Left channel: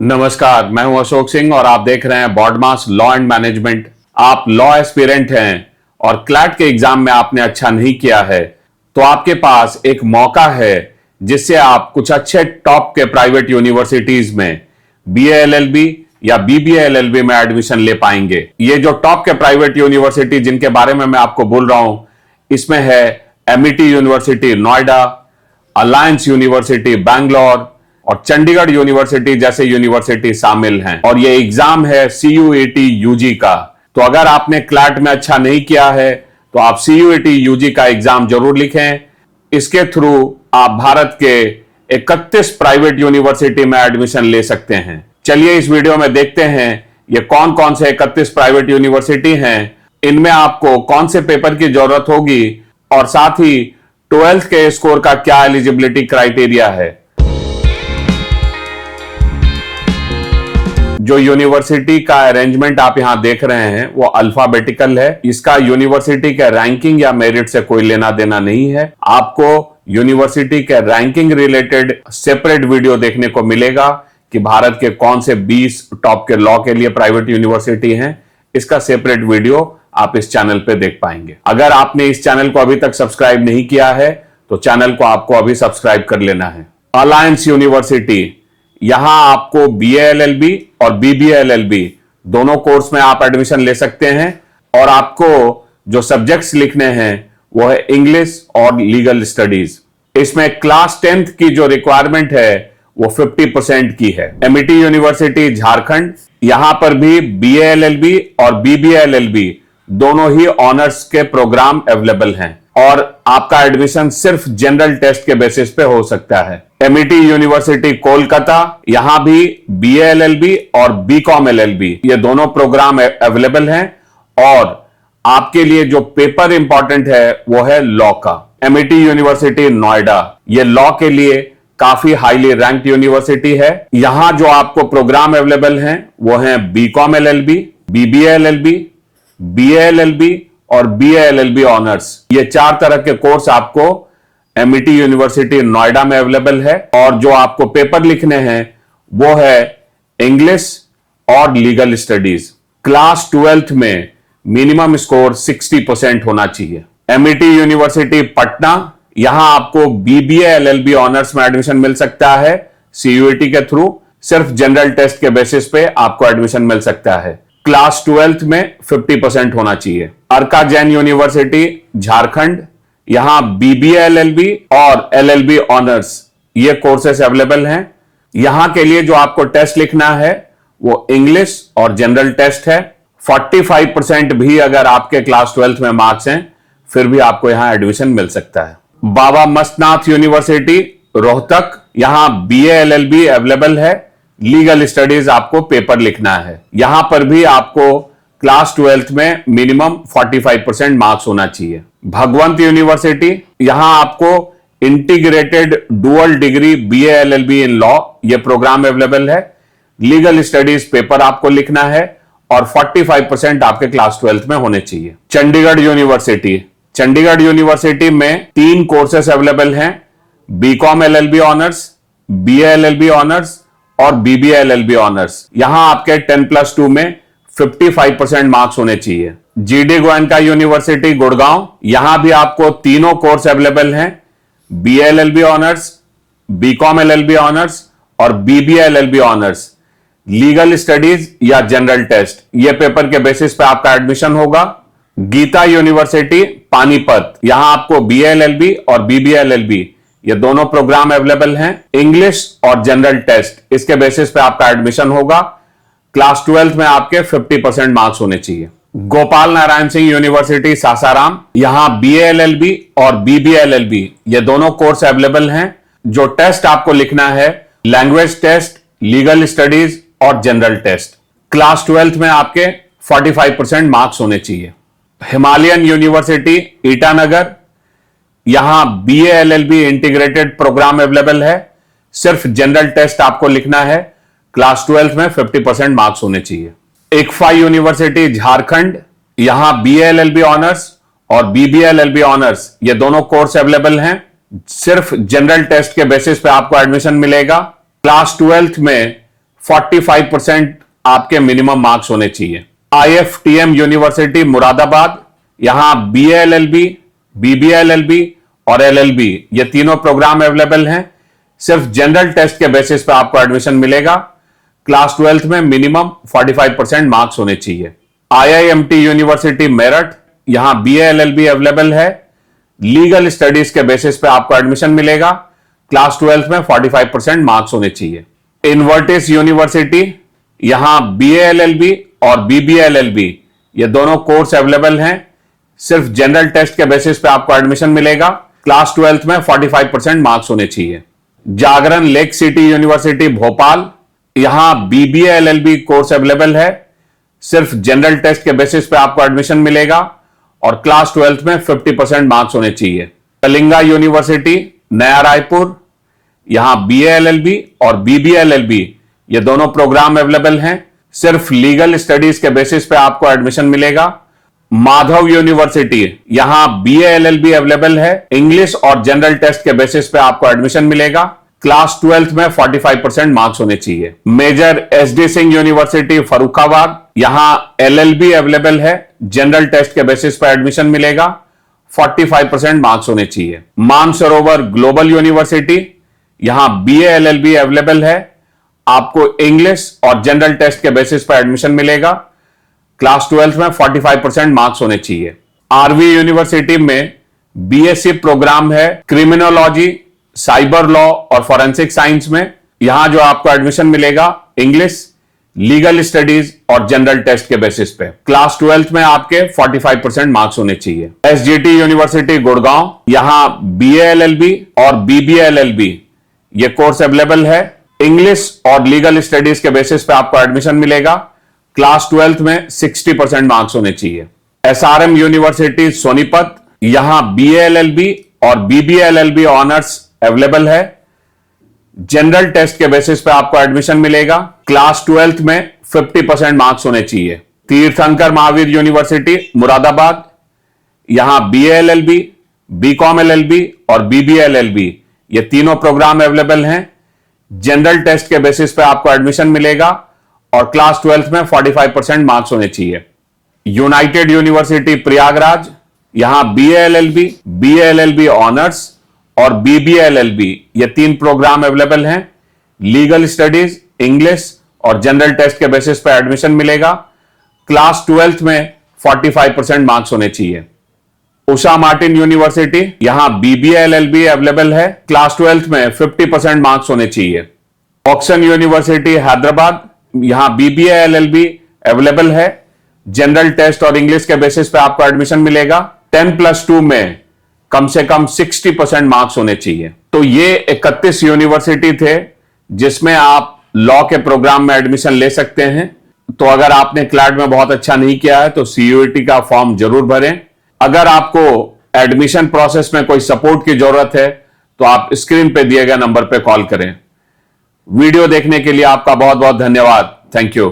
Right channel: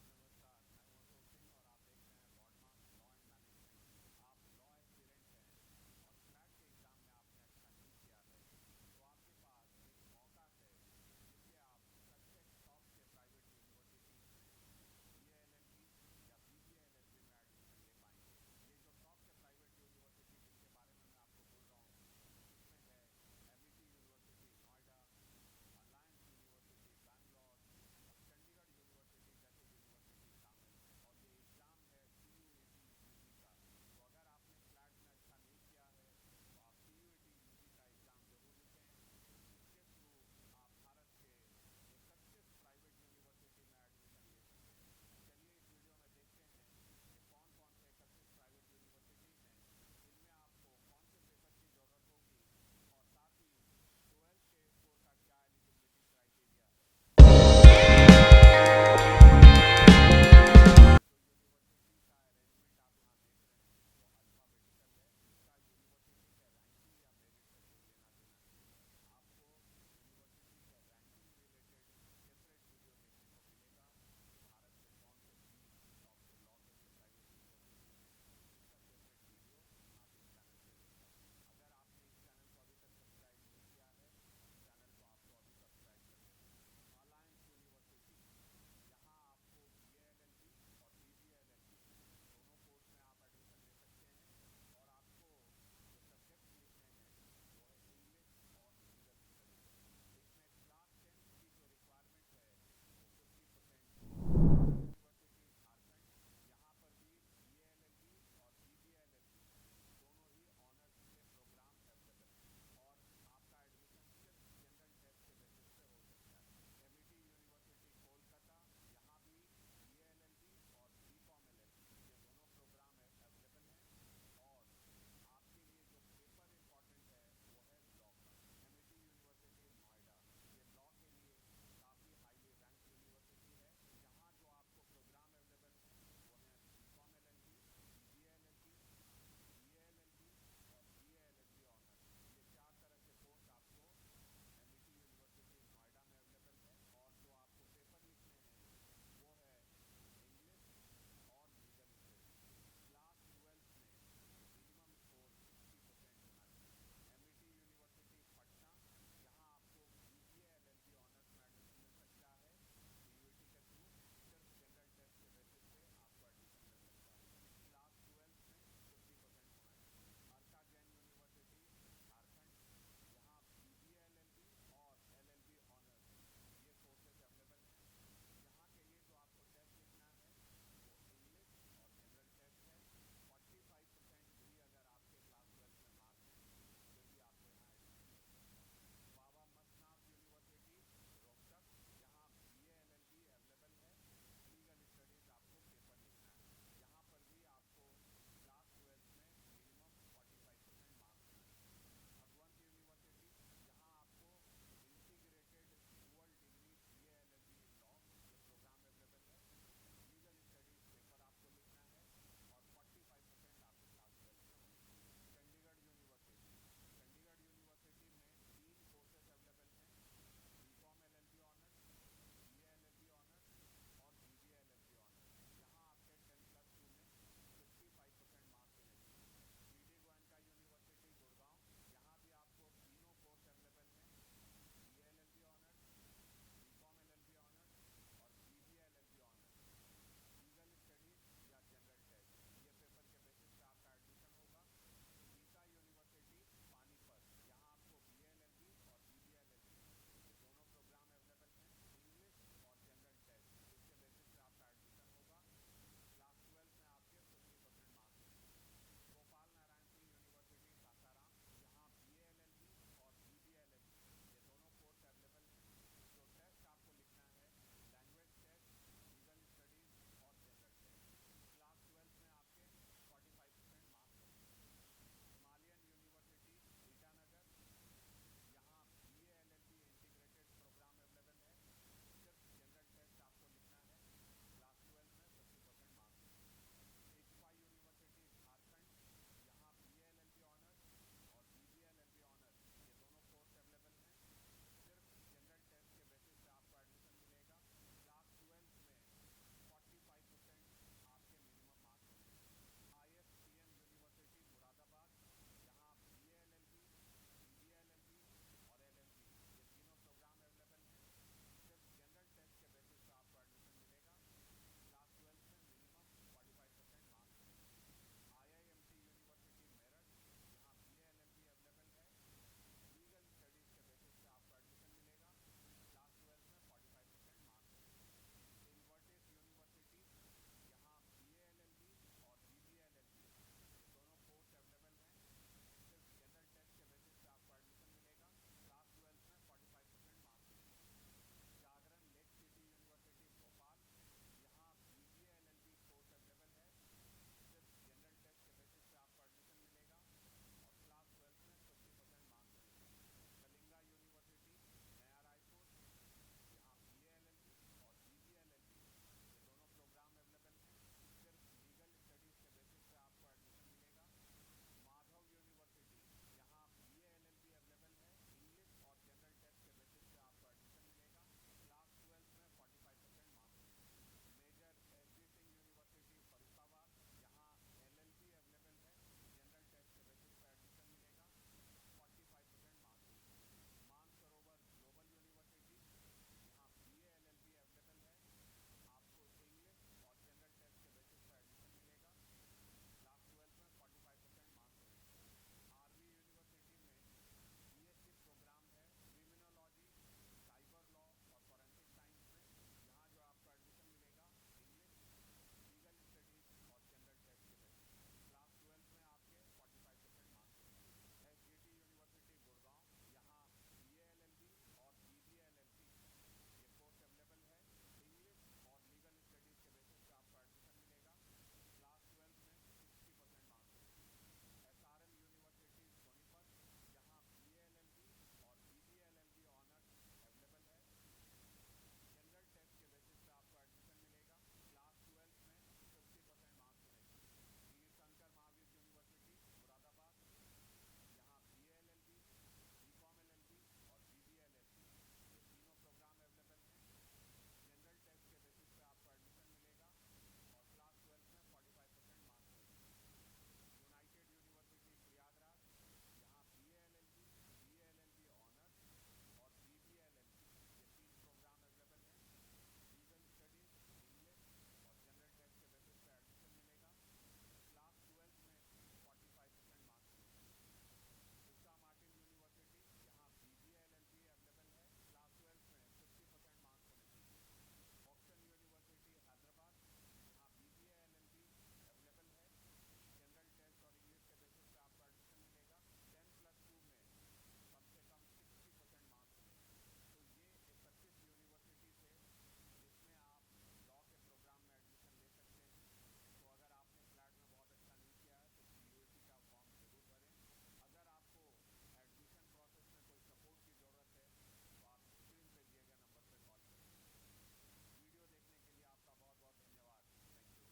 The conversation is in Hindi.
नमस्कार, मैं हूं अशोक सिंह और आप देख रहे हैं बॉडमास लॉ एंड मैनेजमेंट। आप लॉ एस्पिरेंट हैं और क्लैट के एग्जाम में आपने अच्छा नहीं किया है तो आपके पास एक मौका है जिससे आप कुछ अच्छे टॉप के प्राइवेट यूनिवर्सिटीज में बीए एलएलबी या बीबीए एलएलबी में एडमिशन ले पाएंगे। ये जो टॉप के प्राइवेट यूनिवर्सिटी जिनके बारे में मैं आपको बोल रहा हूं, इसमें है Amity university Noida, alliance university Bangalore और चंडीगढ़ यूनिवर्सिटी जैसे यूनिवर्सिटी शामिल हैं। और ये एग्जाम है सीयूईटी यूजी का। तो अगर आपने क्लैट में अच्छा नहीं किया है तो आप सीयूईटी यूजी का एग्जाम जरूर लिखें। इसके थ्रू आप भारत के 31 प्राइवेट यूनिवर्सिटी में एडमिशन ले सकते हैं। चलिए इस वीडियो में देखते हैं ये कौन कौन से 31 प्राइवेट यूनिवर्सिटी हैं, इनमें आपको कौन से पेपर की जरूरत होगी और साथ ही 12th के स्कोर का क्या एलिजिबिलिटी क्राइटेरिया है। जो यूनिवर्सिटी का अरेंजमेंट आप यहां देख रहे हैं वो अल्फाबेटिकल है। इसका यूनिवर्सिटी के रैंकिंग या मेरिट से कोई लेना देना नहीं है। आपको यूनिवर्सिटी के रैंकिंग रिलेटेड सेपरेट वीडियो देखने को मिलेगा कि भारत के कौन से 20 टॉप के लॉ के लिए प्राइवेट यूनिवर्सिटी हैं। इसका सेपरेट वीडियो आप इस चैनल पे देख पाएंगे। अगर आपने इस चैनल को अभी तक सब्सक्राइब नहीं किया है तो चैनल को आपको अभी सब्सक्राइब कर लेना है। अलायंस यूनिवर्सिटी, यहां आपको बीए एलएलबी और बीबीए एलएलबी दोनों कोर्स में आप एडमिशन ले सकते हैं और आपको जो सब्जेक्ट्स लिखने हैं वो है इंग्लिश और लीगल स्टडीज। इसमें क्लास 10th की जो रिक्वायरमेंट है वो 50% की है। एमिटी यूनिवर्सिटी झारखंड, यहां पर भी बीए एलएलबी और बीबीए एलएलबी दोनों ही ऑनर्स के प्रोग्राम अवेलेबल हैं और आपका एडमिशन सिर्फ जनरल टेस्ट के बेसिस पे हो सकता है। एमिटी यूनिवर्सिटी कोलकाता, यहां भी बीए एलएलबी और बीकॉम एलएलबी ये दोनों प्रोग्राम अवेलेबल हैं और आपके लिए जो पेपर इंपॉर्टेंट है वो है लॉ का। एमिटी यूनिवर्सिटी नोएडा, ये लॉ के लिए काफी हाईली रैंक्ड यूनिवर्सिटी है। यहां जो आपको प्रोग्राम अवेलेबल हैं वो हैं BCom LLB, BBA LLB, BA LLB और बीए एलएलबी ऑनर्स। ये 4 तरह के कोर्स आपको एमिटी यूनिवर्सिटी नोएडा में अवेलेबल है और जो आपको पेपर लिखने हैं वो है इंग्लिश और लीगल स्टडीज। क्लास 12th में मिनिमम स्कोर 60% होना चाहिए। एमिटी यूनिवर्सिटी पटना, यहां आपको बीबीए एलएलबी ऑनर्स में एडमिशन मिल सकता है सीयूईटी के थ्रू। सिर्फ जनरल टेस्ट के बेसिस पे आपको एडमिशन मिल सकता है। क्लास 12th में 50% होना चाहिए। अर्का जैन यूनिवर्सिटी झारखंड, यहां बीबीए एलएलबी और एलएलबी ऑनर्स ये कोर्सेस अवेलेबल हैं। यहां के लिए जो आपको टेस्ट लिखना है वो इंग्लिश और जनरल टेस्ट है। 45% भी अगर आपके क्लास 12th में मार्क्स हैं फिर भी आपको यहां एडमिशन मिल सकता है। बाबा मस्तनाथ यूनिवर्सिटी रोहतक, यहां बीए एलएलबी अवेलेबल है। लीगल स्टडीज आपको पेपर लिखना है। यहां पर भी आपको क्लास 12th में मिनिमम 45% मार्क्स होना चाहिए। भगवंत यूनिवर्सिटी, यहां आपको integrated dual degree BA LLB in law ये प्रोग्राम अवेलेबल है। लीगल स्टडीज पेपर आपको लिखना है और 45% आपके क्लास 12th में होने चाहिए। चंडीगढ़ यूनिवर्सिटी, चंडीगढ़ यूनिवर्सिटी में 3 कोर्सेस अवेलेबल हैं, BCom LLB honours, BA LLB honours और बीबीए एलएलबी ऑनर्स। यहां आपके 10+2 में 55% मार्क्स होने चाहिए। जीडी गोयनका यूनिवर्सिटी गुड़गांव, यहां भी आपको तीनों कोर्स अवेलेबल हैं, BA LLB honours, BCom LLB honours और BBA LLB honours. Legal studies या जनरल टेस्ट ये पेपर के बेसिस पे आपका एडमिशन होगा। गीता यूनिवर्सिटी पानीपत, यहां आपको बीए एलएलबी और बीबीए एलएलबी ये दोनों प्रोग्राम अवेलेबल हैं। इंग्लिश और जनरल टेस्ट इसके बेसिस पे आपका एडमिशन होगा। क्लास 12th में आपके 50% मार्क्स होने चाहिए। गोपाल नारायण सिंह यूनिवर्सिटी सासाराम, यहां बीए एलएलबी और बीबीए एलएलबी ये दोनों कोर्स अवेलेबल हैं। जो टेस्ट आपको लिखना है लैंग्वेज टेस्ट, लीगल स्टडीज और जनरल टेस्ट। क्लास 12th में आपके 45% मार्क्स होने चाहिए। हिमालयन यूनिवर्सिटी ईटानगर, यहां BA LLB integrated programme available है। सिर्फ जनरल टेस्ट आपको लिखना है। क्लास 12th में 50% मार्क्स होने चाहिए। इक्फा यूनिवर्सिटी झारखंड, यहां बीए एलएलबी ऑनर्स और बीबीए एलएलबी ऑनर्स ये दोनों कोर्स अवेलेबल हैं। सिर्फ जनरल टेस्ट के बेसिस पे आपको एडमिशन मिलेगा। क्लास 12th में 45% आपके मिनिमम मार्क्स होने चाहिए। IFTM यूनिवर्सिटी मुरादाबाद, यहां BA LLB, BBA LLB और LLB ये तीनों प्रोग्राम अवेलेबल हैं। सिर्फ जनरल टेस्ट के बेसिस पे आपको एडमिशन मिलेगा। क्लास 12th में मिनिमम 45% मार्क्स होने चाहिए। IIMT यूनिवर्सिटी मेरठ, यहां BA LLB अवेलेबल है। लीगल स्टडीज के बेसिस पे आपको एडमिशन मिलेगा। क्लास 12th में 45% मार्क्स होने चाहिए। इनवर्टिस यूनिवर्सिटी, यहां BA LLB और BBA LLB ये दोनों कोर्स अवेलेबल हैं। सिर्फ जनरल टेस्ट के बेसिस पे आपको एडमिशन मिलेगा। क्लास 12th में 45% मार्क्स होने चाहिए। जागरण लेक सिटी यूनिवर्सिटी भोपाल, यहां BBA LLB कोर्स अवेलेबल है। सिर्फ जनरल टेस्ट के बेसिस पे आपको एडमिशन मिलेगा और क्लास 12th में 50% मार्क्स होने चाहिए। कलिंगा यूनिवर्सिटी नया रायपुर, यहां BA LLB और BBA LLB ये दोनों प्रोग्राम अवेलेबल हैं। सिर्फ लीगल स्टडीज के बेसिस पे आपको एडमिशन मिलेगा। माधव यूनिवर्सिटी, यहां BA LLB अवेलेबल है। इंग्लिश और जनरल टेस्ट के बेसिस पे आपको एडमिशन मिलेगा। क्लास 12th में 45% मार्क्स होने चाहिए। Major SD Singh university Farrukhabad, यहां LLB अवेलेबल है। जनरल टेस्ट के बेसिस पे एडमिशन मिलेगा। 45% मार्क्स होने चाहिए। मानसरोवर ग्लोबल यूनिवर्सिटी, यहां BA LLB अवेलेबल है। आपको इंग्लिश और जनरल टेस्ट के बेसिस पर एडमिशन मिलेगा। क्लास 12th में 45% मार्क्स होने चाहिए। RV यूनिवर्सिटी में BSc प्रोग्राम है क्रिमिनोलॉजी, साइबर लॉ और फॉरेंसिक साइंस में। यहां जो आपको एडमिशन मिलेगा इंग्लिश, लीगल स्टडीज और जनरल टेस्ट के बेसिस पे। क्लास 12th में आपके 45% मार्क्स होने चाहिए। SGT यूनिवर्सिटी गुड़गांव, यहां BA LLB और BBA LLB ये कोर्स अवेलेबल है। इंग्लिश और लीगल स्टडीज के बेसिस पे आपको एडमिशन मिलेगा। क्लास 12th में 60% मार्क्स होने चाहिए। SRM यूनिवर्सिटी सोनीपत, यहां BA LLB और BBA LLB ऑनर्स अवेलेबल है। जनरल टेस्ट के बेसिस पे आपको एडमिशन मिलेगा। क्लास 12th में 50% मार्क्स होने चाहिए। तीर्थंकर महावीर यूनिवर्सिटी मुरादाबाद, यहां BA LLB, BCom LLB और BBA LLB ये तीनों प्रोग्राम अवेलेबल हैं। जनरल टेस्ट के बेसिस पे आपको एडमिशन मिलेगा और क्लास 12th में 45% मार्क्स होने चाहिए। यूनाइटेड यूनिवर्सिटी प्रयागराज, यहां BA LLB, BA LLB honours और BBA LLB ये तीन प्रोग्राम अवेलेबल हैं। लीगल स्टडीज, इंग्लिश और जनरल टेस्ट के बेसिस पे एडमिशन मिलेगा। क्लास 12th में 45% मार्क्स होने चाहिए। उषा मार्टिन यूनिवर्सिटी, यहां BBA LLB अवेलेबल है। क्लास 12th में 50% मार्क्स होने चाहिए। ऑक्सन यूनिवर्सिटी हैदराबाद, यहां BBA LLB अवेलेबल है। जनरल टेस्ट और इंग्लिश के बेसिस पे आपको एडमिशन मिलेगा। 10+2 में कम से कम 60% मार्क्स होने चाहिए। तो ये 31 यूनिवर्सिटी थे जिसमें आप लॉ के प्रोग्राम में एडमिशन ले सकते हैं। तो अगर आपने क्लैट में बहुत अच्छा नहीं किया है तो CUET का फॉर्म जरूर भरें। अगर आपको एडमिशन प्रोसेस में कोई सपोर्ट की जरूरत है तो आप स्क्रीन पे दिए गए नंबर पे कॉल करें। वीडियो देखने के लिए आपका बहुत बहुत धन्यवाद। Thank you.